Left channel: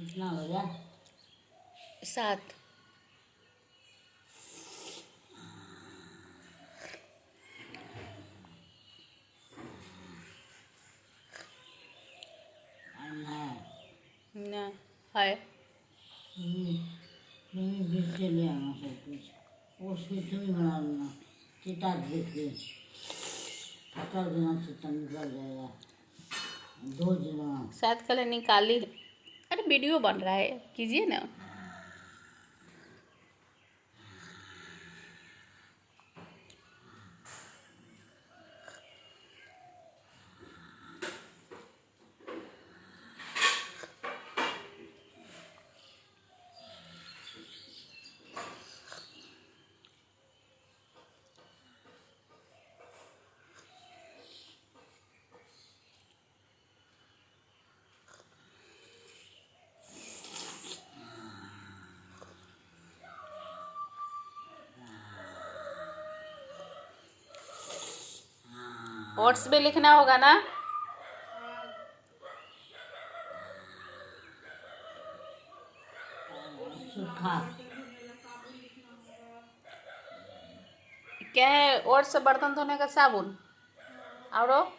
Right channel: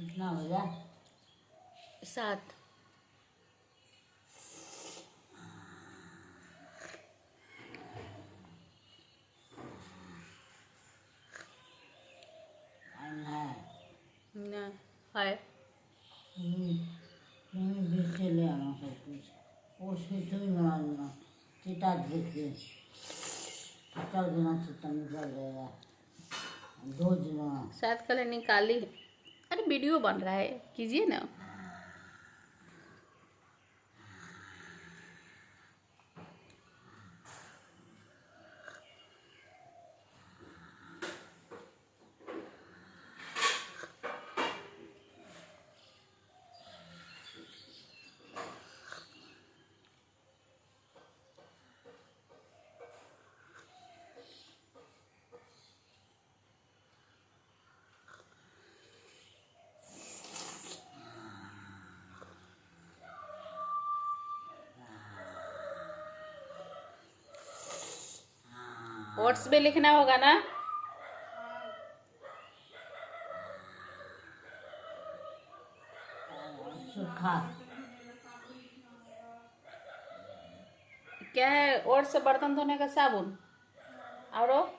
कितना हो गया? 7। टाइम है। ना है। बीच से ले आना सब कुछ। वो स्वीट भी बना लेना। चिता देख के 50 दिन चिता निकल जाएगा। 2 दिन। 7 कलर निकाली। अरे वीडियो बन रहा है, कीजिए ना। ओट्स भी लिखना होगा ना। सूखा। क्या है? ओट्स से बर्तन धोने का साबुन। और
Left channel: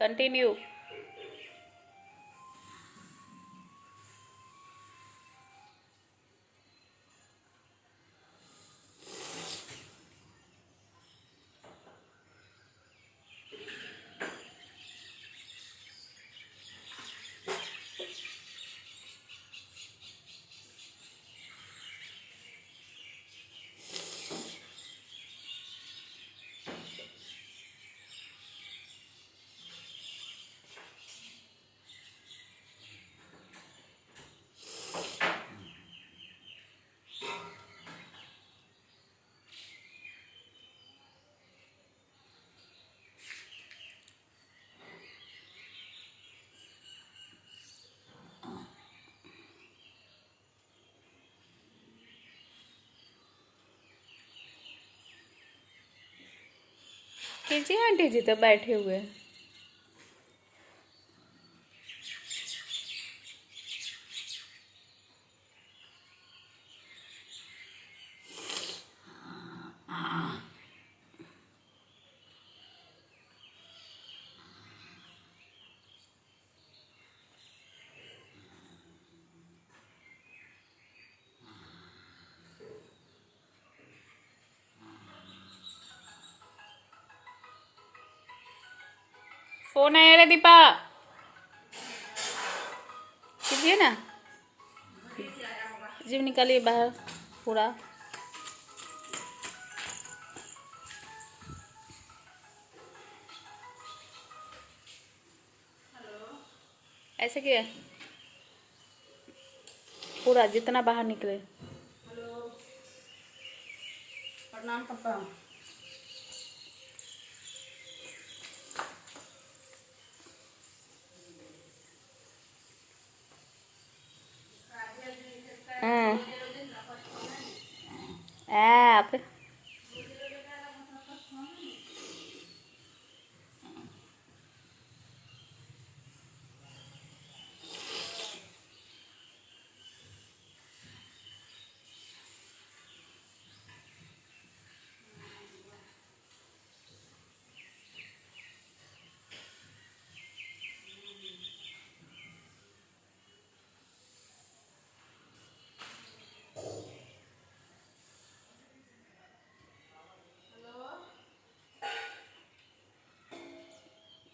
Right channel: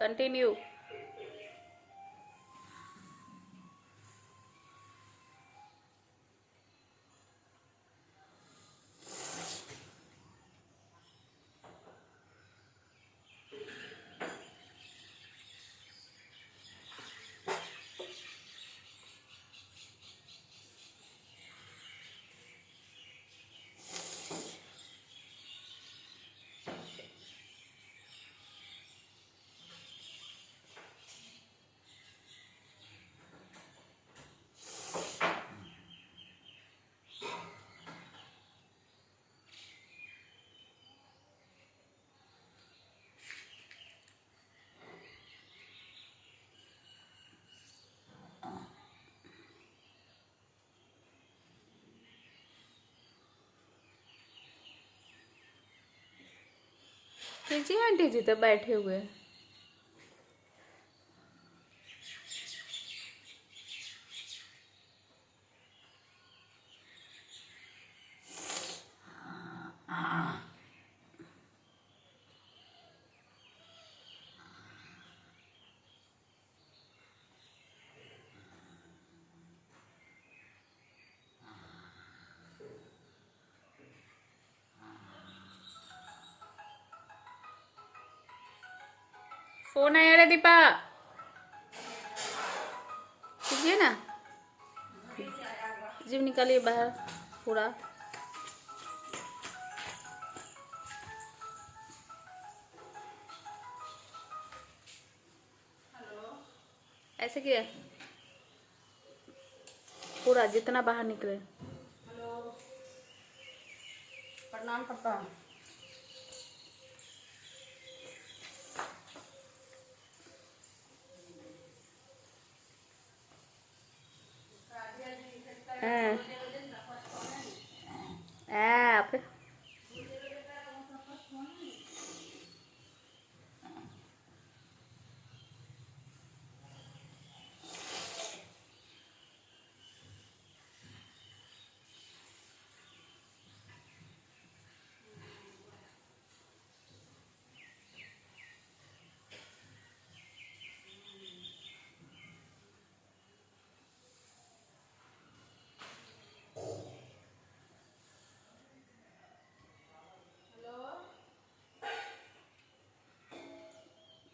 कंटिन्यू। कीजिए आंटी जी, तो बैठे हुए हैं। फोन आया रे दीपा, कीजिए ना। जीव निकालिए बाहर पूरा। ऐसे किया पूरा, जितना बाहर निकले। प्रणाम पापा। ऐप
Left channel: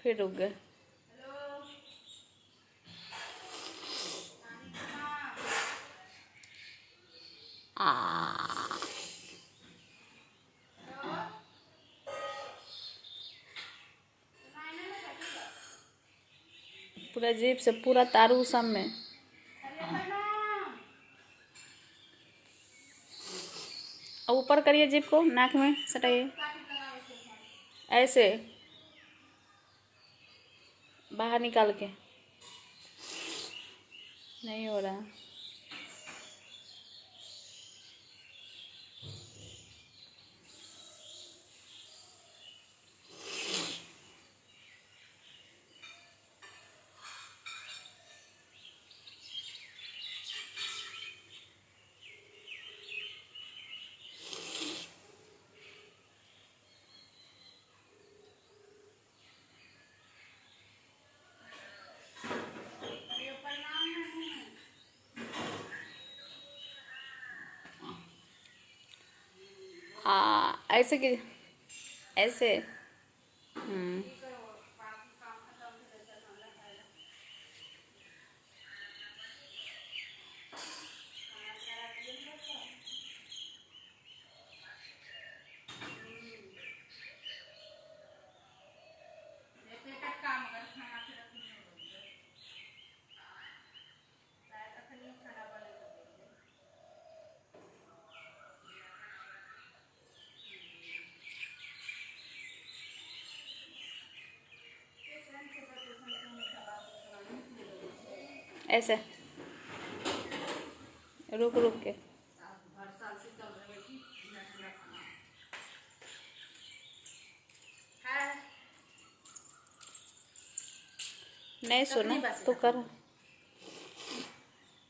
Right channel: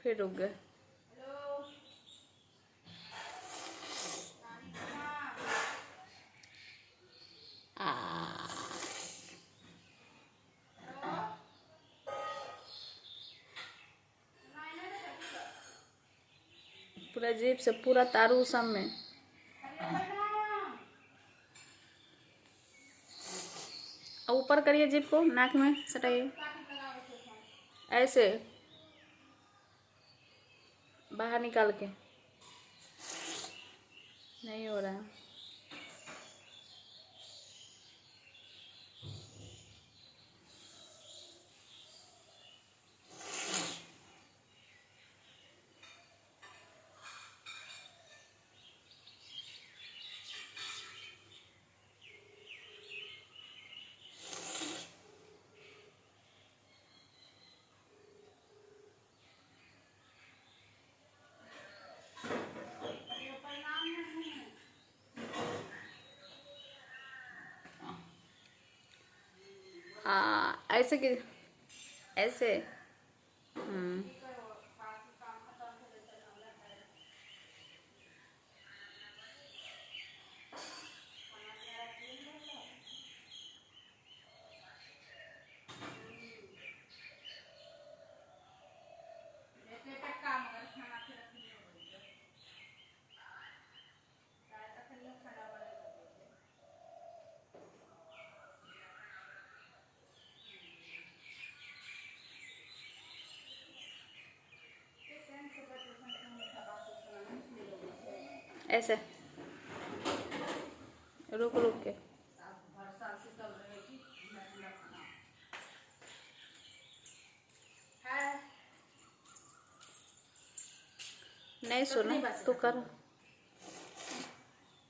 फिर रुक गए। पूरा जीप से पूरा तारू सब में। ऊपर करिए जीप को, नाक में सटाइए, ऐसे बाहर निकाल के। नहीं हो रहा। ऐसे कि ऐसे। ऐसे रुक रुक के। नहीं सुना तो कर।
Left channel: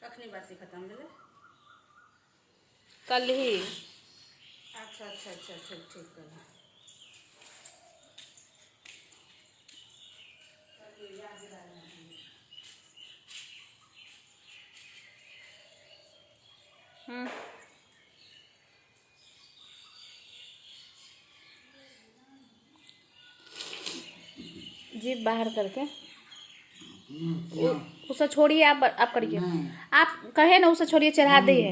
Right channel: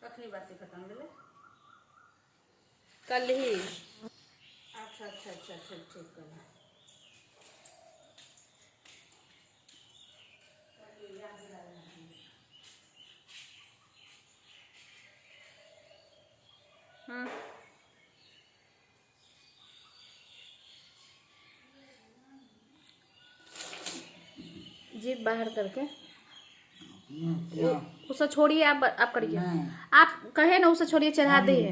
कखनी बात से खत्म भेले? कल ही। अच्छा ठीक कर। जीप बाहर करके उसे छोड़िए। आप करिए। आप कहे ना उसे छोड़िए, चढ़ा दिए।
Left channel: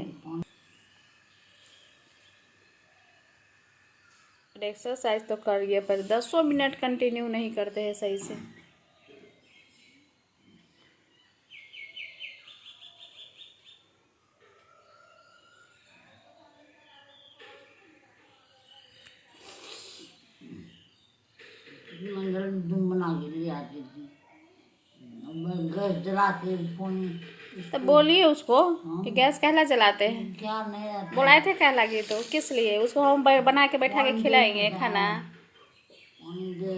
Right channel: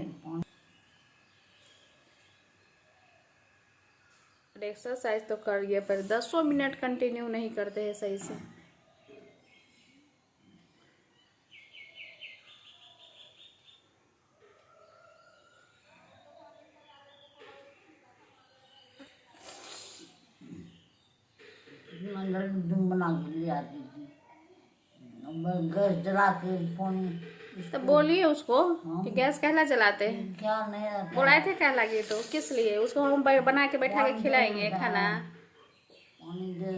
एक्सरसाइज तो करिए, पर 10 मिनट कंटिन्यू नहीं करते हैं सही से। बना के ले आती थी, गैस जला के पानी। तो बोलिए उसको कि गैस कहला जलाते हैं। क्या नहीं रहता। बुलाए थे क्या लगे तो किस लिए? उसको हम बना के बैठा के खिलाएंगे खाना। पानी दे